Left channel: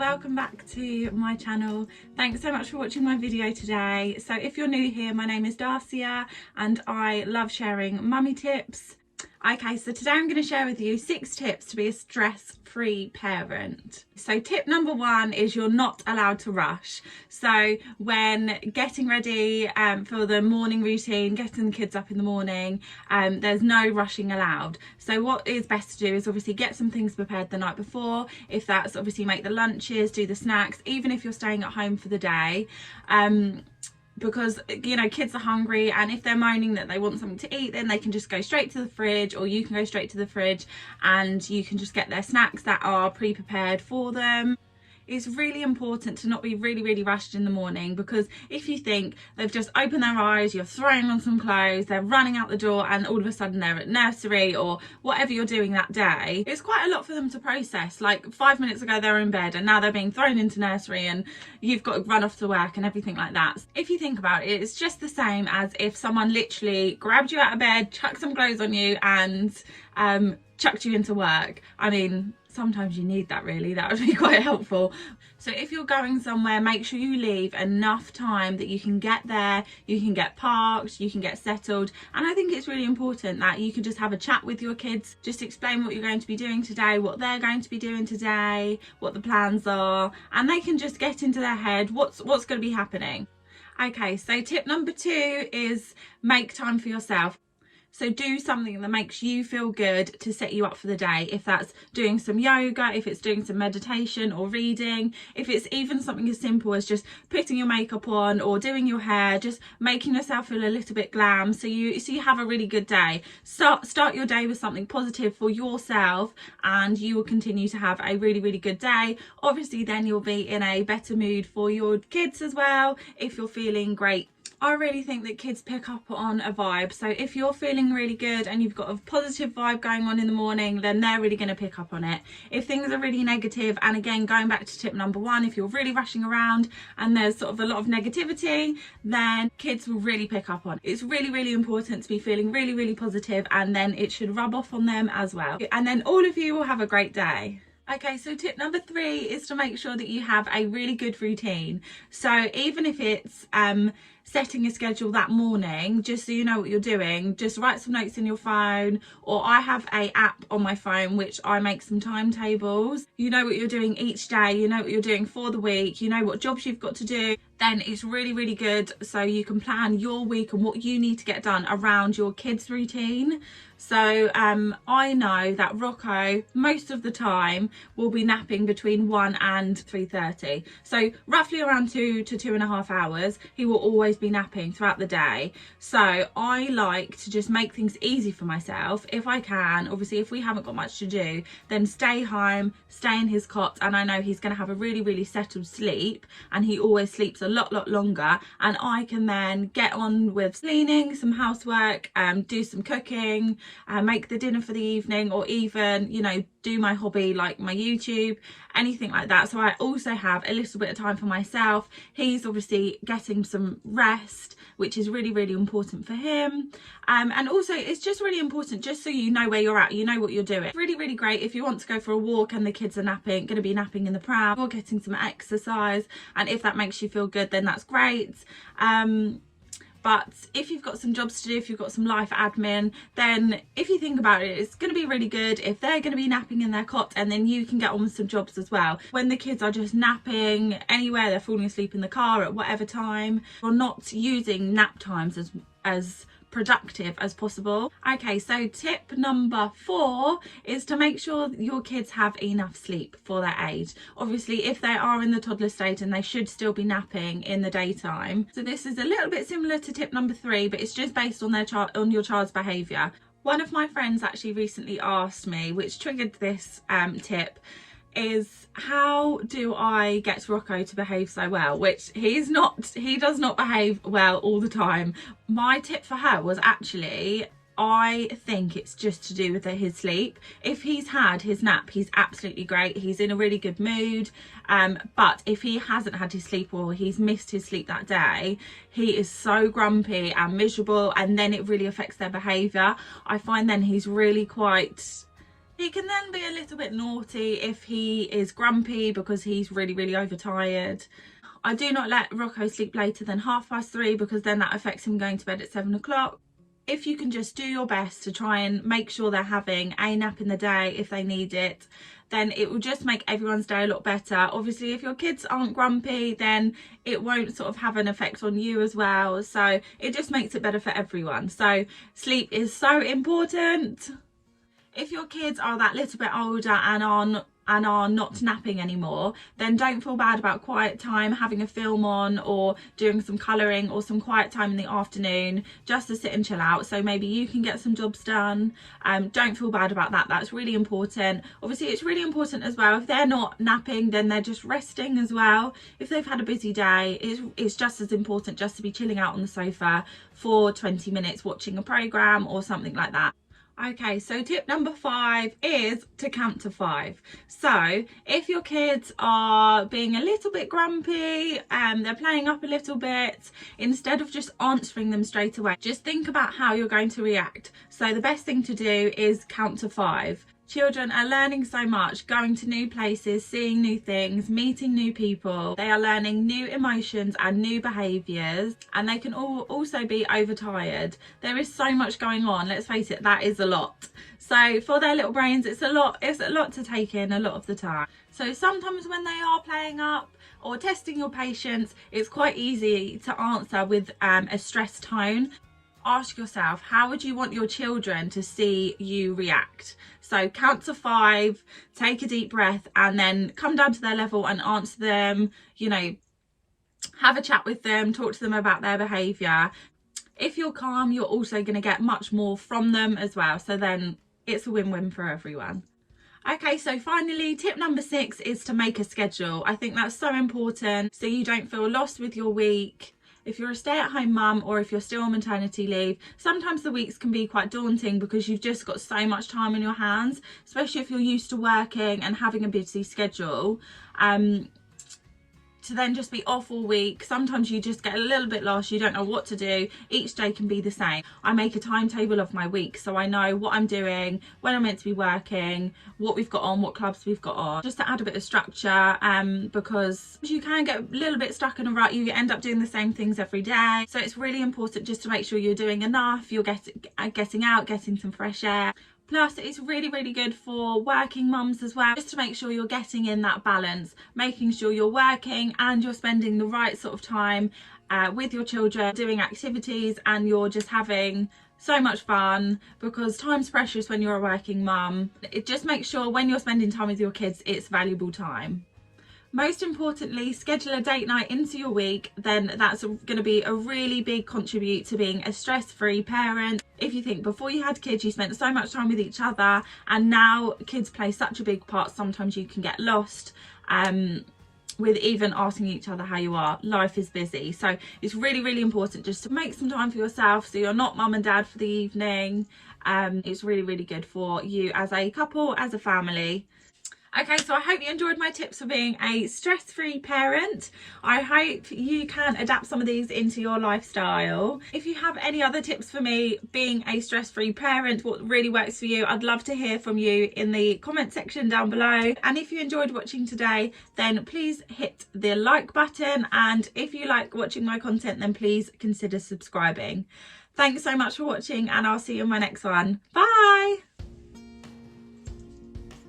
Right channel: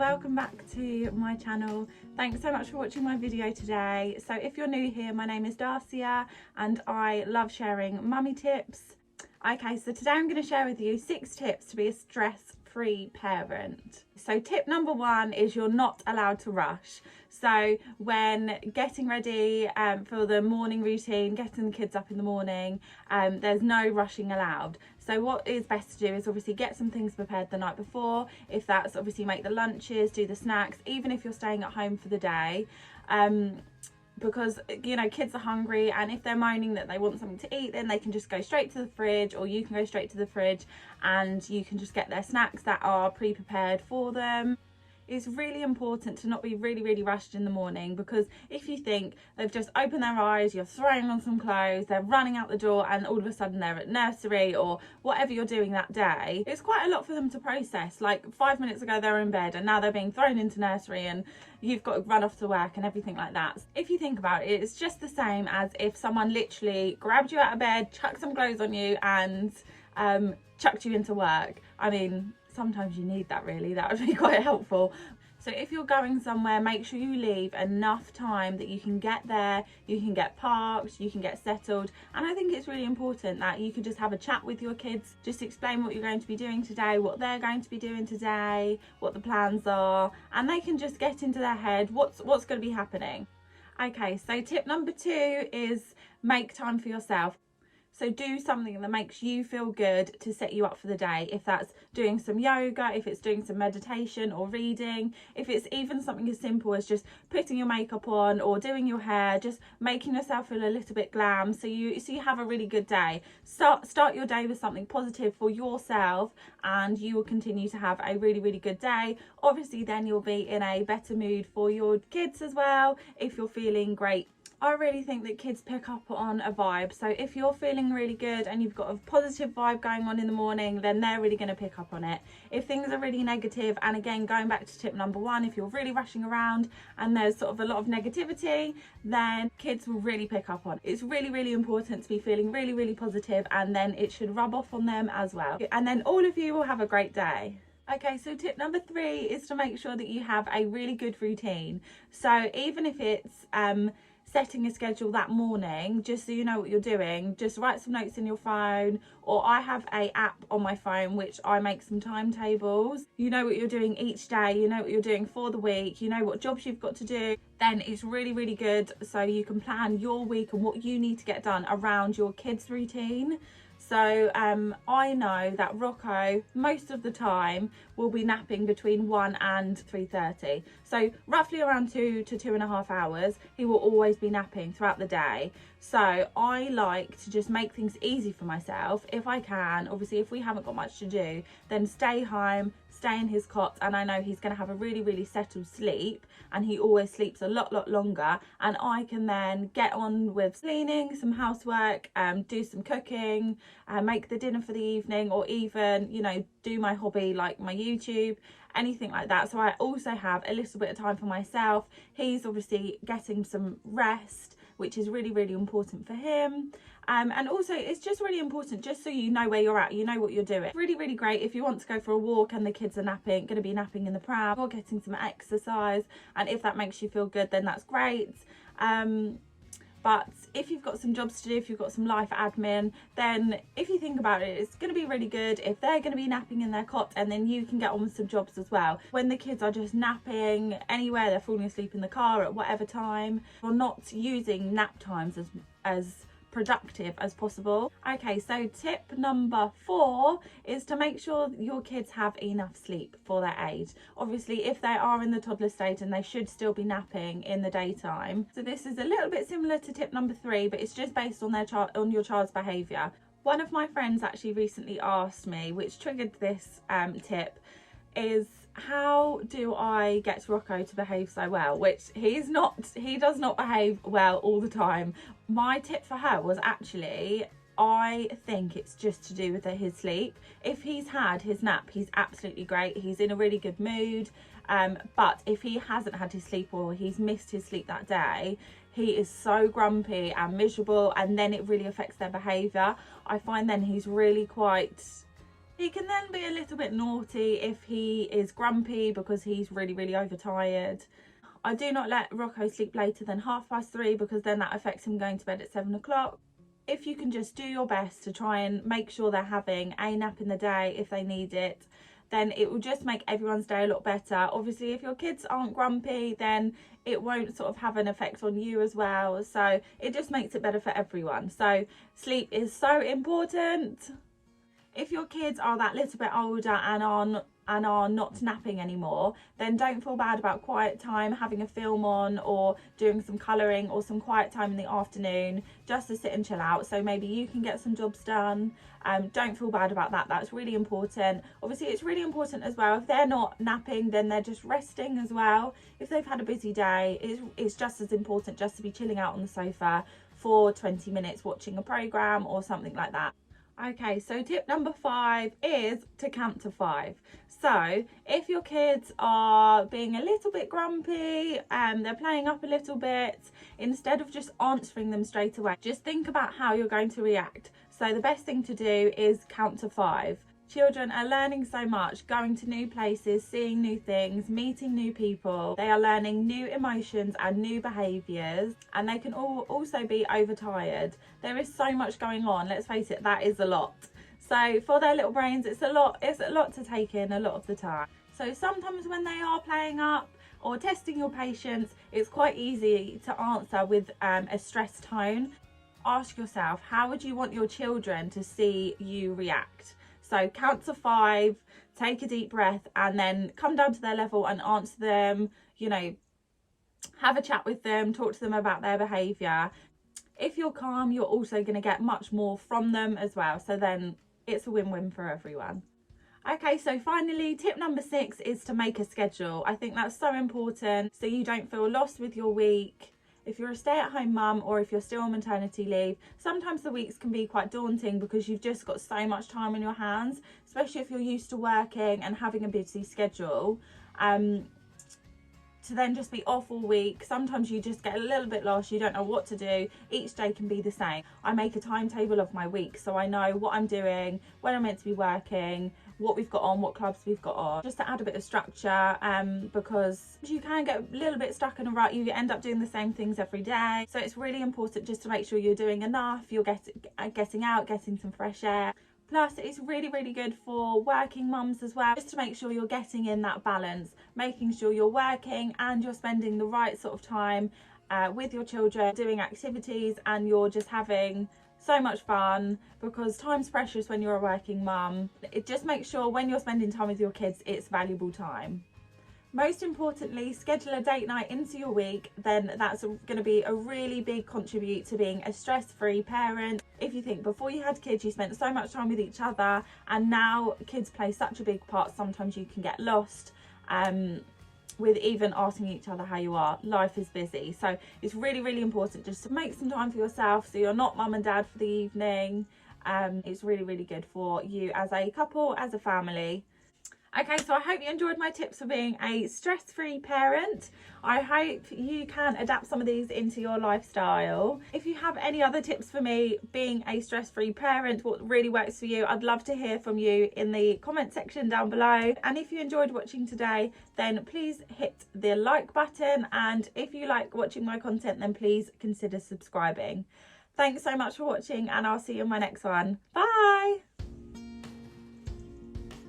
welcome back to my channel. Thanks so much for watching my video today. So if you're new here, my name is Darcia and I love sharing mummy tips. Okay, so today I'm going to share with you 6 tips to be a stress-free parent. So tip number 1 is you're not allowed to rush. So when getting ready for the morning routine, getting the kids up in the morning, there's no rushing allowed. So what is best to do is obviously get some things prepared the night before. If that's obviously make the lunches, do the snacks, even if you're staying at home for the day. Because, you know, kids are hungry, and if they're moaning that they want something to eat, then they can just go straight to the fridge, or you can go straight to the fridge and you can just get their snacks that are pre-prepared for them. It's really important to not be really rushed in the morning, because if you think they've just opened their eyes, you're throwing on some clothes, they're running out the door, and all of a sudden they're at nursery or whatever you're doing that day, it's quite a lot for them to process. Like 5 minutes ago they were in bed and now they're being thrown into nursery and you've got to run off to work and everything like that. If you think about it, it's just the same as if someone literally grabbed you out of bed, chucked some clothes on you and chucked you into work. I mean, sometimes you need that, really. That would be quite helpful. So if you're going somewhere, make sure you leave enough time that you can get there, you can get parked, you can get settled. And I think it's really important that you can just have a chat with your kids, just explain what you're going to be doing today, what they're going to be doing today, what the plans are, and they can just get into their head what's going to be happening. Okay, so tip number 2 is make time for yourself. So do something that makes you feel good to set you up for the day. If that's doing some yoga, if it's doing some meditation or reading, if it's even something as simple as just putting your makeup on or doing your hair, just making yourself feel a little bit glam so you have a really good day. Start your day with something positive for yourself and you will continue to have a really good day. Obviously then you'll be in a better mood for your kids as well if you're feeling great. I really think that kids pick up on a vibe. So if you're feeling really good and you've got a positive vibe going on in the morning, then they're really going to pick up on it. If things are really negative, and again, going back to tip number 1, if you're really rushing around and there's sort of a lot of negativity, then kids will really pick up on it. It's really important to be feeling really positive, and then it should rub off on them as well. And then all of you will have a great day. Okay, so tip number 3 is to make sure that you have a really good routine. So even if it's setting a schedule that morning, just so you know what you're doing, just write some notes in your phone, or I have a app on my phone which I make some timetables. You know what you're doing each day, you know what you're doing for the week, you know what jobs you've got to do. Then it's really good, so you can plan your week and what you need to get done around your kids' routine. So I know that Rocco most of the time will be napping between 1 and 3:30. So roughly around 2 to 2.5 hours, he will always be napping throughout the day. So I like to just make things easy for myself if I can. Obviously, if we haven't got much to do, then stay home, stay in his cot, and I know he's going to have a really settled sleep, and he always sleeps a lot longer, and I can then get on with cleaning, some housework, do some cooking, make the dinner for the evening, or even, you know, do my hobby like my YouTube, anything like that. So I also have a little bit of time for myself. He's obviously getting some rest, which is really important for him, and also it's just really important just so you know where you're at, you know what you're doing. Really great if you want to go for a walk and the kids are going to be napping in the pram, or getting some exercise, and if that makes you feel good, then that's great. But if you've got some jobs to do, if you've got some life admin, then if you think about it, it's going to be really good if they're going to be napping in their cot, and then you can get on with some jobs as well. When the kids are just napping anywhere, they're falling asleep in the car at whatever time, you're not using nap times as productive as possible. Okay, so tip number 4 is to make sure that your kids have enough sleep for their age. Obviously, if they are in the toddler stage, and they should still be napping in the daytime. So this is a little bit similar to tip number 3, but it's just based on your child's behaviour. One of my friends actually recently asked me, which triggered this tip, is how do I get Rocco to behave so well? Which he does not behave well all the time. My tip for her was actually, I think it's just to do with his sleep. If he's had his nap, he's absolutely great, he's in a really good mood, but if he hasn't had his sleep, or he's missed his sleep that day, he is so grumpy and miserable, and then it really affects their behaviour. I find then he's really quite He can then be a little bit naughty if he is grumpy because he's really overtired. I do not let Rocco sleep later than 3:30 because then that affects him going to bed at 7 o'clock. If you can just do your best to try and make sure they're having a nap in the day if they need it, then it will just make everyone's day a lot better. Obviously, if your kids aren't grumpy, then it won't sort of have an effect on you as well. So it just makes it better for everyone. So sleep is so important. If your kids are that little bit older and are not napping anymore, then don't feel bad about quiet time, having a film on or doing some colouring or some quiet time in the afternoon just to sit and chill out, so maybe you can get some jobs done. Don't feel bad about that. That's really important. Obviously it's really important as well, if they're not napping then they're just resting as well. If they've had a busy day, it's just as important just to be chilling out on the sofa for 20 minutes watching a programme or something like that. Okay, so tip number 5 is to count to 5. So if your kids are being a little bit grumpy and they're playing up a little bit, instead of just answering them straight away, just think about how you're going to react. So the best thing to do is count to 5. Children are learning so much, going to new places, seeing new things, meeting new people. They are learning new emotions and new behaviours, and they can also be overtired. There is so much going on, let's face it, that is a lot. So for their little brains, it's a lot to take in a lot of the time. So sometimes when they are playing up or testing your patience, it's quite easy to answer with a stressed tone. Ask yourself, how would you want your children to see you react? So count to 5, take a deep breath, and then come down to their level and answer them, you know, have a chat with them, talk to them about their behaviour. If you're calm, you're also going to get much more from them as well. So then it's a win-win for everyone. Okay, so finally, tip number 6 is to make a schedule. I think that's so important so you don't feel lost with your week. If you're a stay-at-home mum or if you're still on maternity leave, sometimes the weeks can be quite daunting because you've just got so much time on your hands, especially if you're used to working and having a busy schedule. To then just be off all week, sometimes you just get a little bit lost, you don't know what to do. Each day can be the same. I make a timetable of my week so I know what I'm doing, when I'm meant to be working, what we've got on, what clubs we've got on, just to add a bit of structure, because you can get a little bit stuck in a rut. You end up doing the same things every day, so it's really important just to make sure you're doing enough, you're getting out, getting some fresh air. Plus it's really good for working mums as well, just to make sure you're getting in that balance, making sure you're working and you're spending the right sort of time with your children, doing activities, and you're just having so much fun, because time's precious when you're a working mum. It just makes sure when you're spending time with your kids, it's valuable time. Most importantly, schedule a date night into your week, then that's going to be a really big contribute to being a stress-free parent. If you think before you had kids you spent so much time with each other, and now kids play such a big part, sometimes you can get lost with even asking each other how you are. Life is busy, so it's really important just to make some time for yourself so you're not mum and dad for the evening. It's really good for you as a couple, as a family. Okay, so I hope you enjoyed my tips for being a stress-free parent. I hope you can adapt some of these into your lifestyle. If you have any other tips for me being a stress-free parent, what really works for you, I'd love to hear from you in the comment section down below. And if you enjoyed watching today, then please hit the like button. And if you like watching my content, then please consider subscribing. Thanks so much for watching, and I'll see you in my next one. Bye!